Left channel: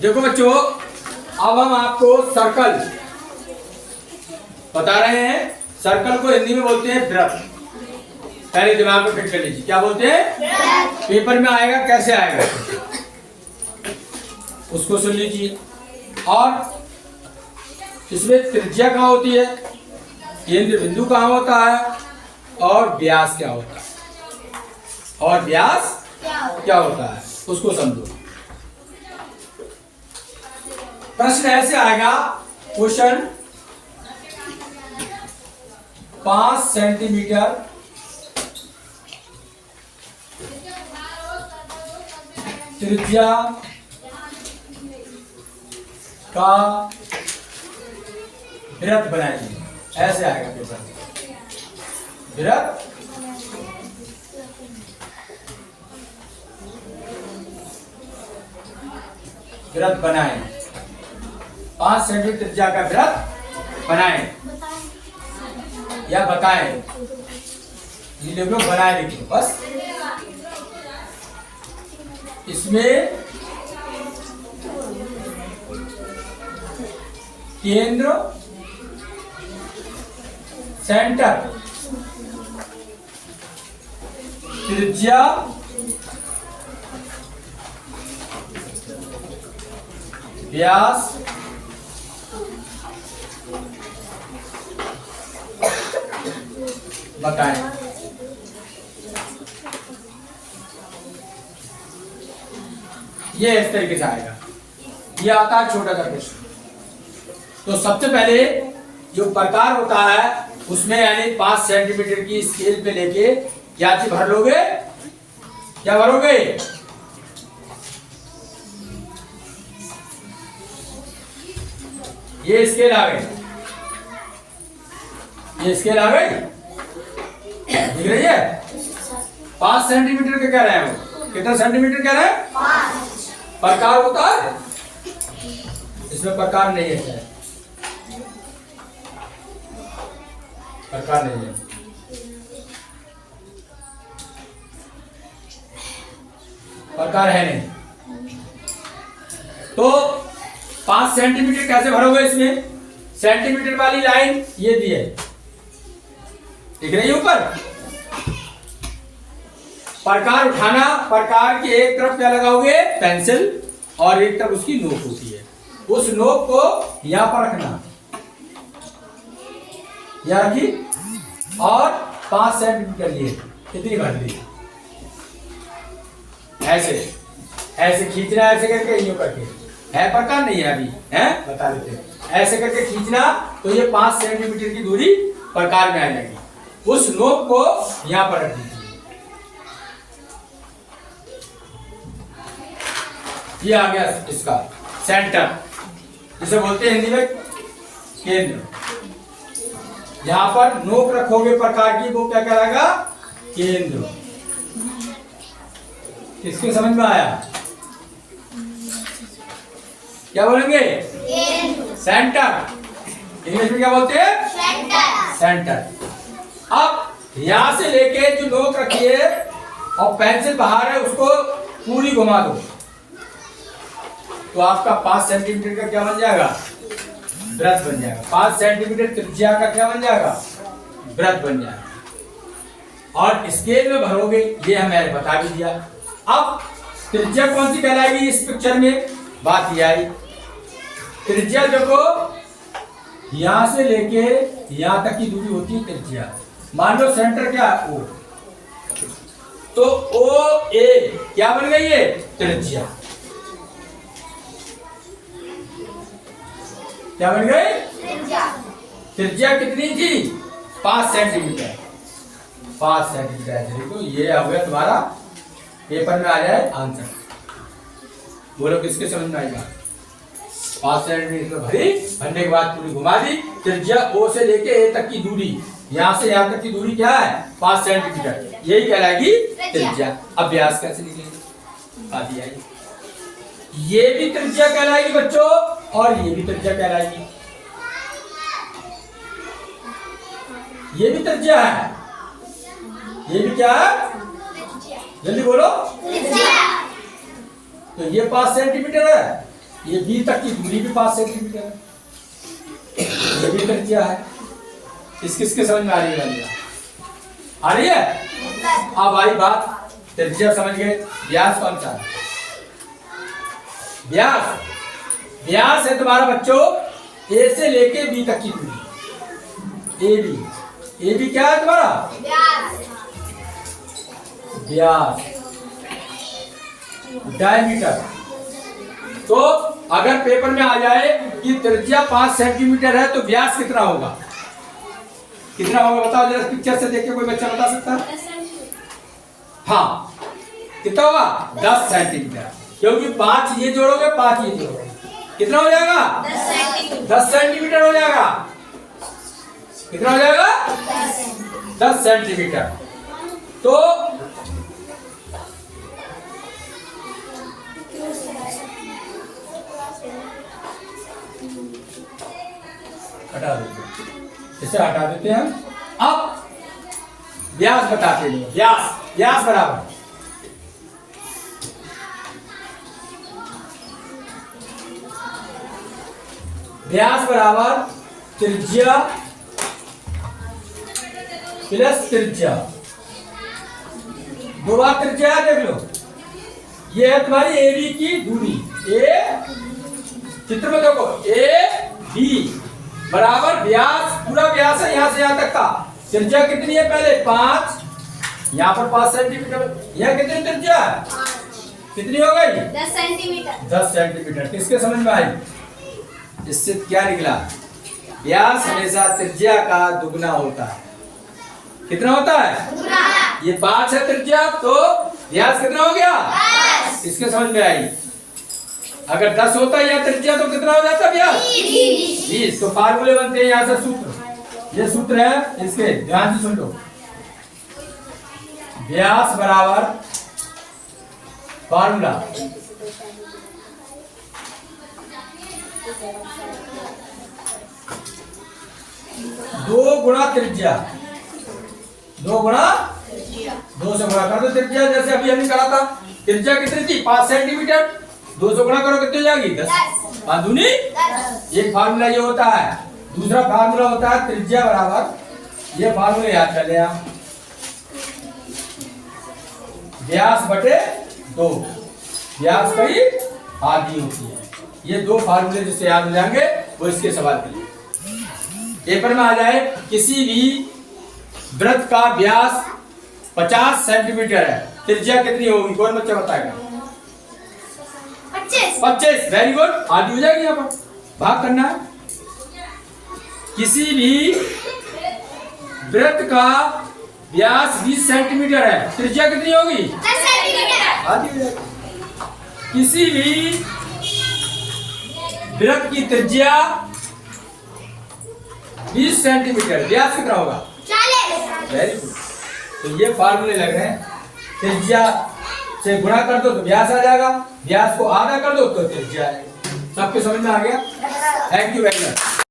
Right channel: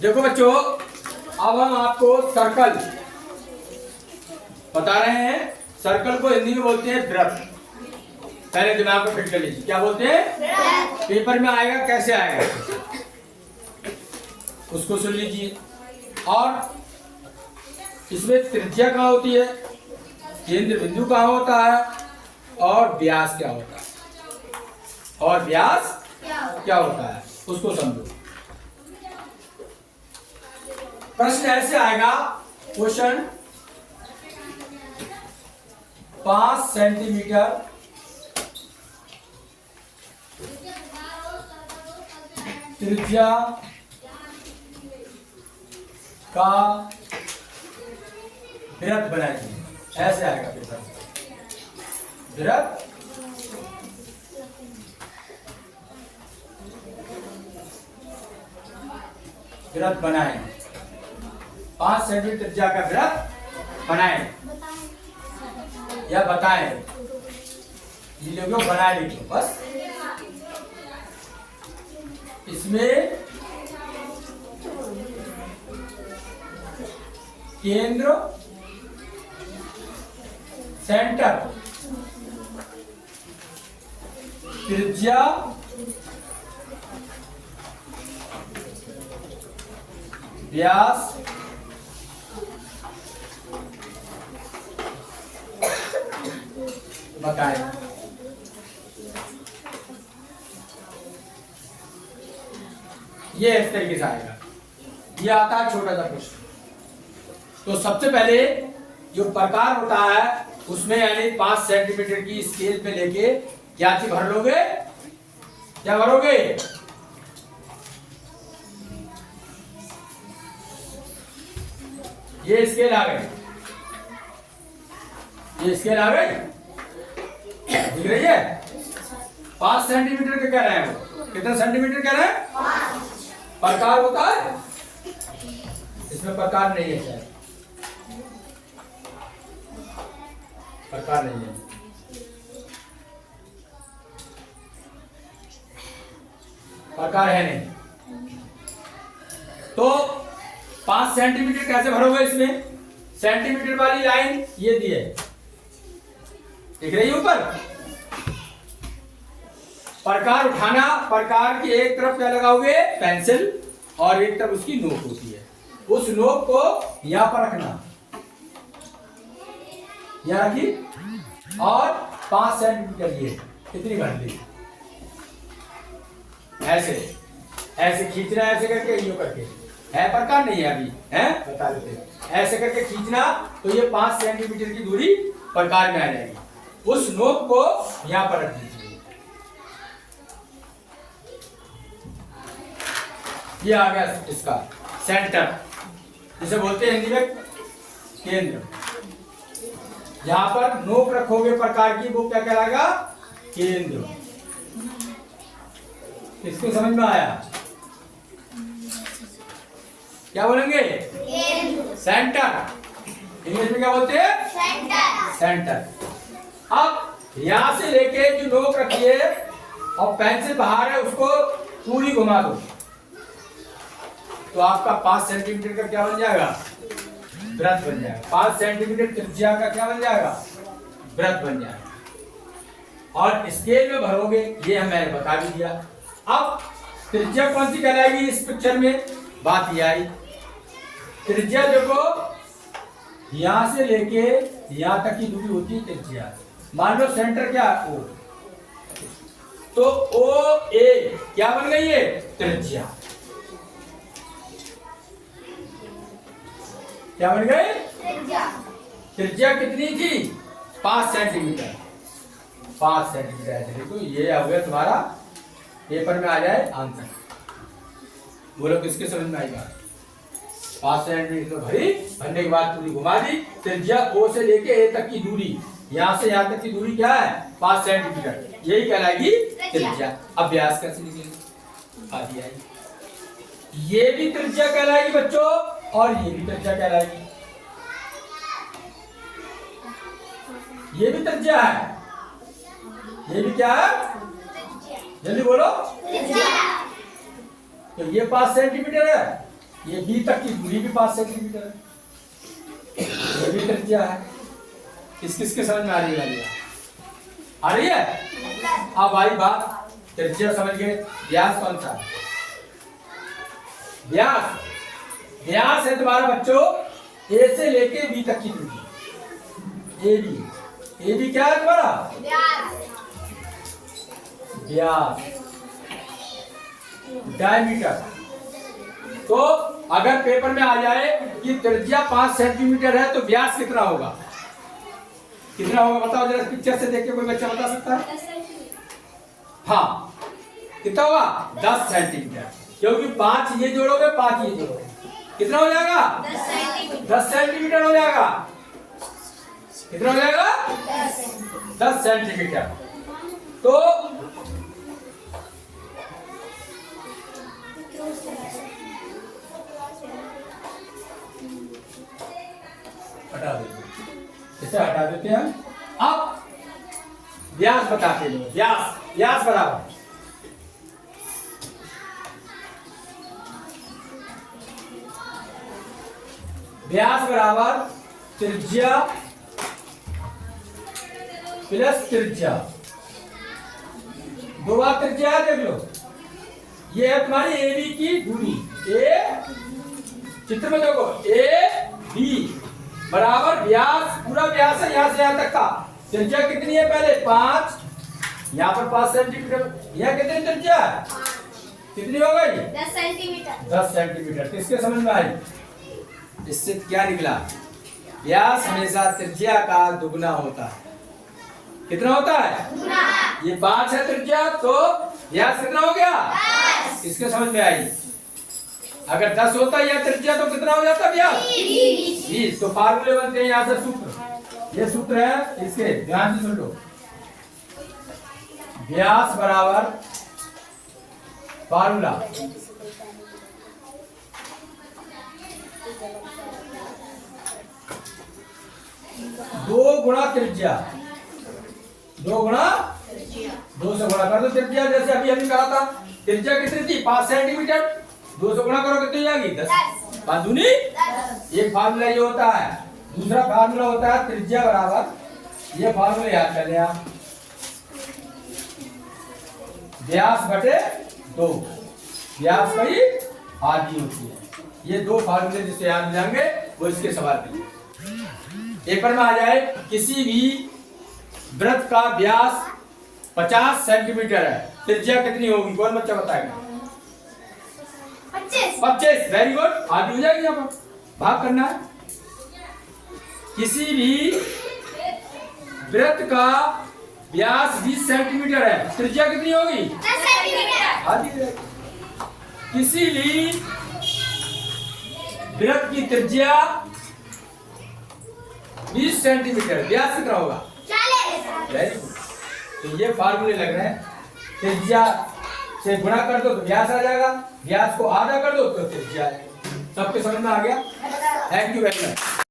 देखो बच्चों, अब हम आपको सर्कल बता रहे हैं। सर्कल को हिंदी में बोलते हैं वृत्त। पहले दिमाग में फिट कर लीजिए, क्या बोलते हैं? पेपर में आएगा, कैसे आएगा उसको सुन लीजिए। और इसमें त्रिज्या कहाँ होती है, केंद्र बिंदु कहाँ होता है, और व्यास क्या होता है, और व्यास क्या होता है उसको समझो। प्रश्न ऐसे आएगा, क्वेश्चन 5 सेंटीमीटर त्रिज्या का वृत्त बनाइए, ऐसे आएगा पेपर में। वृत्त वृत्त बनाए, 5 सेंटीमीटर त्रिज्या का वृत्त बनाए या बताए, ये लिख लो, बनाए लिख लो बस। इसमें केंद्र सेंटर त्रिज्या व्यास बताएं। ये इस तरीके से आएगा, ये आता है छोटा सा प्रश्न। तो सबसे पहले जो प्रकार होता है उसमें यानी 5 सेंटीमीटर की स्केल पे लेके क्या चीज भर लोगे, क्या भरोगे, ये स्केल आ गए, ये स्केल आ गई, दिख रही है। 5 सेंटीमीटर का कह रहे हैं, वो कितना सेंटीमीटर कह रहे हैं, 5। प्रकार होता है, इसमें प्रकार नहीं है, प्रकार नहीं है। प्रकार है नहीं। तो 5 सेंटीमीटर कैसे भरोगे, इसमें सेंटीमीटर वाली लाइन ये दी है, दिख रही है ऊपर। प्रकार उठाना, प्रकार के एक तरफ क्या लगाओगे, पेंसिल, और एक तरफ उसकी नोक होती है, उस नोक को यहां पर रखना, यहां रखी, और 5 सेंटीमीटर ये कितनी भर ली, ऐसे ऐसे खींचना, ऐसे करके यूं करके, है प्रकार नहीं है अभी, है बता देते हैं। ऐसे करके खींचना तो ये 5 सेंटीमीटर की दूरी प्रकार में आ जाएगी। उस नोक को यहां पर रख दीजिए, ये आ गया इसका सेंटर, जिसे बोलते हैं हिंदी में केंद्र। जहां पर नोक रखोगे प्रकार की, वो क्या कहलाएगा, केंद्र। किसके समझ में आया, क्या बोलेंगे, सेंटर। इंग्लिश में क्या बोलते हैं, सेंटर, सेंटर। अब यहां से लेके जो नोक रखी है और पेंसिल बाहर है, उसको पूरी घुमा दो, तो आपका 5 सेंटीमीटर का क्या बन जाएगा, वृत्त बन जाएगा। 5 सेंटीमीटर त्रिज्या का क्या बन जाएगा, वृत्त बन जाएगा। और स्केल में भरोगे, ये हमें बता भी दिया। अब त्रिज्या कौन सी कहलाएगी इस पिक्चर में, बात ये आई। त्रिज्या देखो, यहां से लेके यहां तक की दूरी होती है त्रिज्या। मान लो सेंटर क्या है, ओ, तो ओ ए क्या बन गई है, त्रिज्या। क्या बन गई, त्रिज्या कितनी थी, 5 सेंटीमीटर। 5 सेंटीमीटर देखो, ये हो गया तुम्हारा, पेपर में आ जाए आंसर। बोलो किसके समझ में आएगा, 5 सेंटीमीटर भरी, भरने के बाद पूरी घुमा दी। त्रिज्या ओ से लेके ए तक की दूरी, यहां से यहां तक की दूरी क्या है, 5 सेंटीमीटर, यही कहलाएगी त्रिज्या। अब व्यास कैसे निकलेगा, आदि आई, ये भी त्रिज्या कहलाएगी बच्चों, और ये भी त्रिज्या कहलाएगी, ये भी त्रिज्या है, ये भी क्या है, जल्दी बोलो, तो ये 5 सेंटीमीटर है, ये बी तक की दूरी भी 5 सेंटीमीटर है, ये भी त्रिज्या है। किसके समझ में आ रही है? आ रही है। अब आई बात, त्रिज्या समझ गए, व्यास कौन सा है? व्यास है तुम्हारा बच्चों ए से लेके बी तक की दूरी, ए बी क्या है तुम्हारा? व्यास। डायमीटर। तो अगर पेपर में आ जाए कि त्रिज्या 5 सेंटीमीटर है तो व्यास कितना होगा? कितना होगा बताओ जरा, पिक्चर से देख के कोई बच्चा बता सकता है? हाँ, कितना होगा? 10 सेंटीमीटर, क्योंकि 5 ये जोड़ोगे 5 ये जोड़ोगे, कितना हो जाएगा? 10 सेंटीमीटर हो जाएगा। कितना हो जाएगा? 10 सेंटीमीटर। तो हटा देते, इसे हटा देते हैं। अब व्यास बताते हैं। व्यास बराबर त्रिज्या प्लस त्रिज्या, 2 बार त्रिज्या है, देख लो। ये है तुम्हारी ए बी की दूरी, चित्र में देखो ए बी बराबर व्यास, पूरा व्यास है यहाँ से यहाँ तक का। त्रिज्या कितनी है? पहले 5, यहाँ पर 5 सेंटीमीटर। यहाँ कितनी त्रिज्या है? कितनी हो गई? 10 सेंटीमीटर। 10 सेंटीमीटर। किसके समझ में आई? इससे क्या निकला? व्यास हमेशा त्रिज्या का दुगना होता है। कितना होता है? ये 5 है त्रिज्या, तो व्यास कितना हो गया? 10। इसके समझ में आई? अगर 10 होता है या त्रिज्या तो कितना हो जाता है व्यास? 20। तो फार्मूले बनते हैं यहाँ से, सूत्र। ये सूत्र है, इसके ध्यान से सुन लो। व्यास बराबर फार्मूला 2 गुणा त्रिज्या, 2 गुणा 2 से गुणा कर दो त्रिज्या, जैसे अभी हमने करा था। त्रिज्या कितनी थी? 5 सेंटीमीटर। 2 से गुणा करो कितनी हो जाएगी? 10। आधुनी एक फार्मूला ये होता है। दूसरा फार्मूला होता है त्रिज्या बराबर, ये फार्मूला याद कर लें आप, व्यास बटे 2। व्यास की आधी होती है। ये 2 फार्मूले जिससे याद हो जाएंगे वो इसके सवाल के लिए। पेपर में आ जाए किसी भी वृत्त का व्यास 50 सेंटीमीटर है, त्रिज्या कितनी होगी? कौन बच्चा बताएगा? 25। वेरी गुड, आधी हो जाएगी। यहाँ पर भाग करना है। किसी भी वृत्त का व्यास 20 सेंटीमीटर है, त्रिज्या कितनी होगी? 10 सेंटीमीटर। आधी हो जाएगी। किसी भी वृत्त की त्रिज्या 20 सेंटीमीटर, व्यास कितना होगा? 40। Very good. तो ये फार्मूले लग रहे हैं। त्रिज्या से गुणा कर दो तो व्यास आ जाएगा, व्यास को आधा कर दो तो त्रिज्या आएगा। सबके समझ में आ गया? Thank you very much.